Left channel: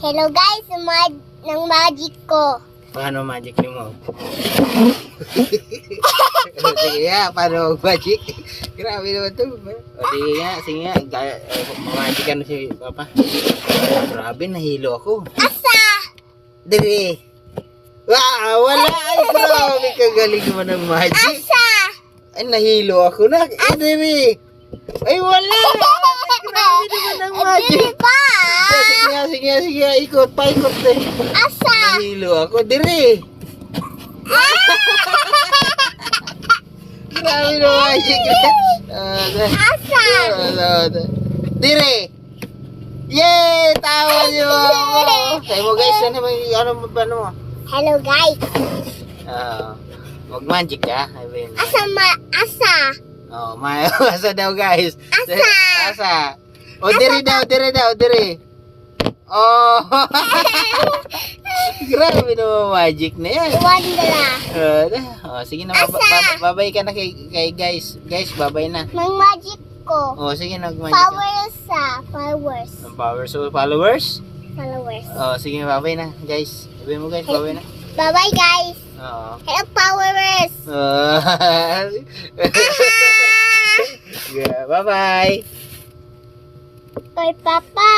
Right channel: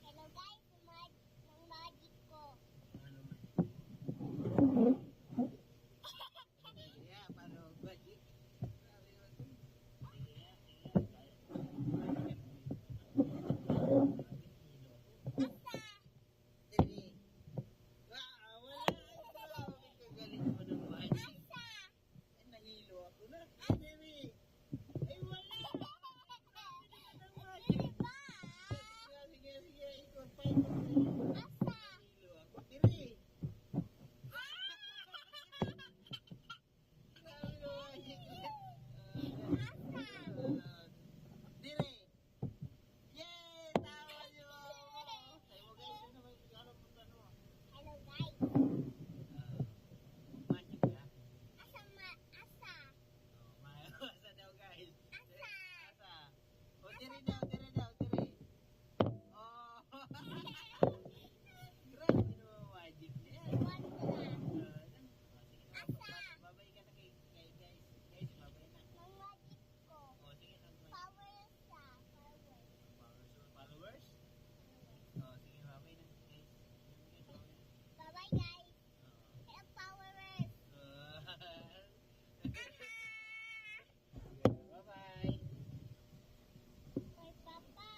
Hello guys, ng magic ko. Paano magic ni mo? Sige nga, paano magic? Grabe naman to. O sige nga, magic ano si Papa. Grabe, nahilo ako. Asa! Dili. Wow, wala. Ay, grabe, kagaling naman ng magic. Asa! Ay, nahilo ako na. Ay, dili. Ay, wala. Grabe naman ng magic. Dili pa! Sige nga, ikot pa, ikot eh. Asa! Nahilo ako, diri. Grabe na magic. Asa! Dire! Yay! Tawa niyo ako! Tayo mo guys, ano mo? Hello guys. Mag-magic ka? Asa! Oh, asa daw guys. Asa! Asa! O, dire daw. Oh! Grabe na magic na yan. Wanda. Sige na, Asa? babay ka na kay guys. Guys, babay na. Ng magic ko. Sige, nag-magic ka. Powers. Ang power. So, followers? Followers. Sige, babay na, guys. Babay mo guys, babay na. Bye-bye guys. Oo. Hello powers. Yeah, bye-bye. Kay Papa.